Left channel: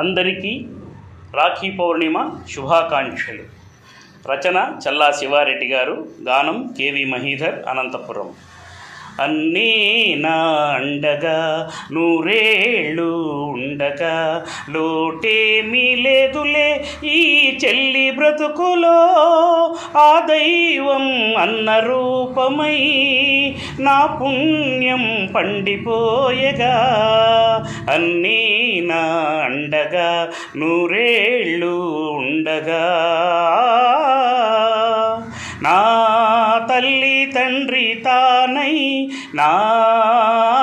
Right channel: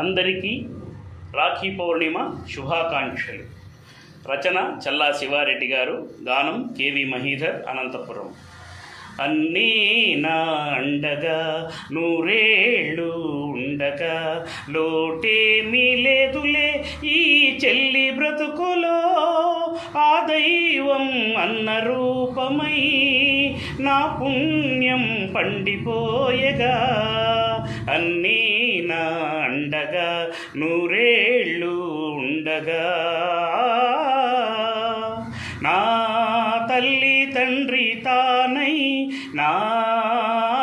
అందరికీ రాఖీ పౌర్ణిమ శుభాకాంక్షలు. రచన చల్లా శివారెడ్డి గారు, గానం కేవి మహీధర్, అనంతపురం. అన్నీ నా అండగా నూరేళ్ళు ఉండగా లోటేమీ లేదులే ఈ చెల్లి బ్రతుకులో, ఆ దైవం అన్న రూపమై నా పుణ్యం పండిపోయగా. అన్నీ నా అండగా నూరేళ్ళు ఉండగా, నా తల్లి తండ్రి తానై నా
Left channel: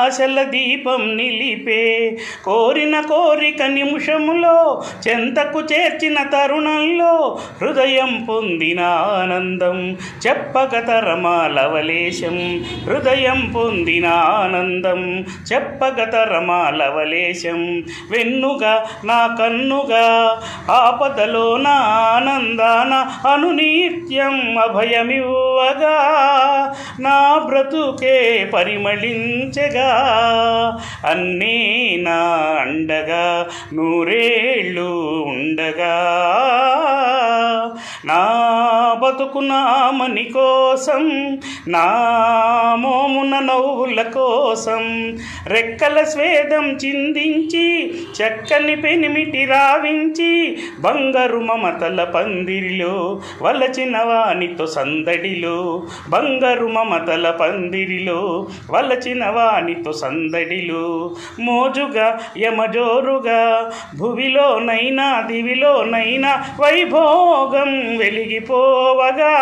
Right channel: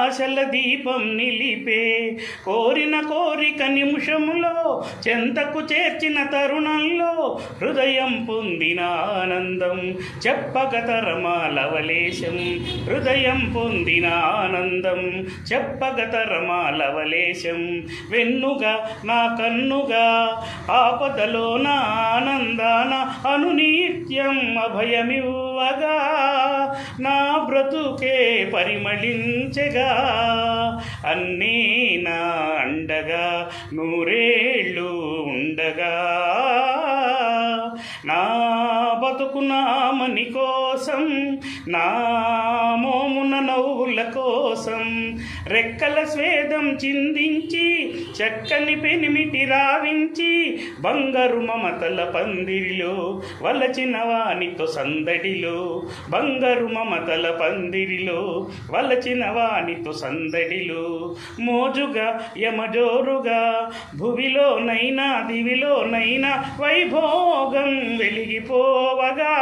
ఆశల దీపం నిలిపే, కోరిన కోరిక నిమిషములో చెంతకు చేర్చిన తరుణంలో హృదయం పొందిన ఆనందం చెప్పక తరమా లవలేశం. హృదయం పొందిన ఆనందం చెప్పక తరమా లవలేశం. వెన్నుగా నా కన్నుగా ఆపదలో నా ఆనందాన అనునిత్యం అభయమివ్వగా, నా బ్రతుకే పరిమళించగా. అన్నీ నా అండగా నూరేళ్ళు ఉండగా, నా బతుకు నామని కోసం, నా మోమున నవ్వుల కోసం రెక్కల స్వేదం చిందించి చక్కని పెనిమిటి రావించి, బంగారు మమతల పందిరిలో వలచిన వానితో సందడిలో, బంగారు మమతల పందిరిలో వలచిన వానితో సందడిలో, మోజుగా యమజోరుగా భువిలోనైనా దివిలోనైనా వైభోగం వెలిగిపోవగా,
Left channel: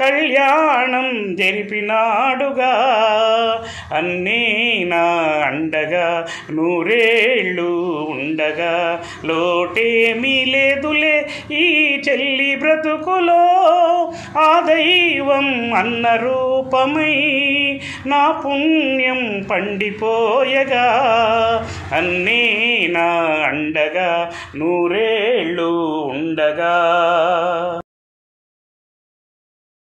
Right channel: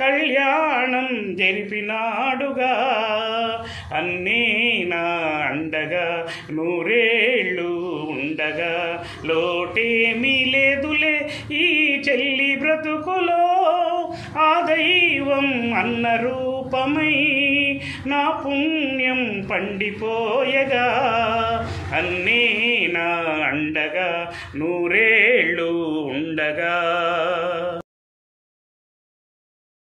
కళ్యాణం జరిపినాడుగా. అన్నీ నా అండగా నూరేళ్ళు ఉండగా లోటేమీ లేదులే ఈ చెల్లి బ్రతుకులో, ఆ దైవం అన్న రూపమై నా పుణ్యం పండిపోయగా. అన్నీ నా అండగా నూరేళ్ళు ఉండగా.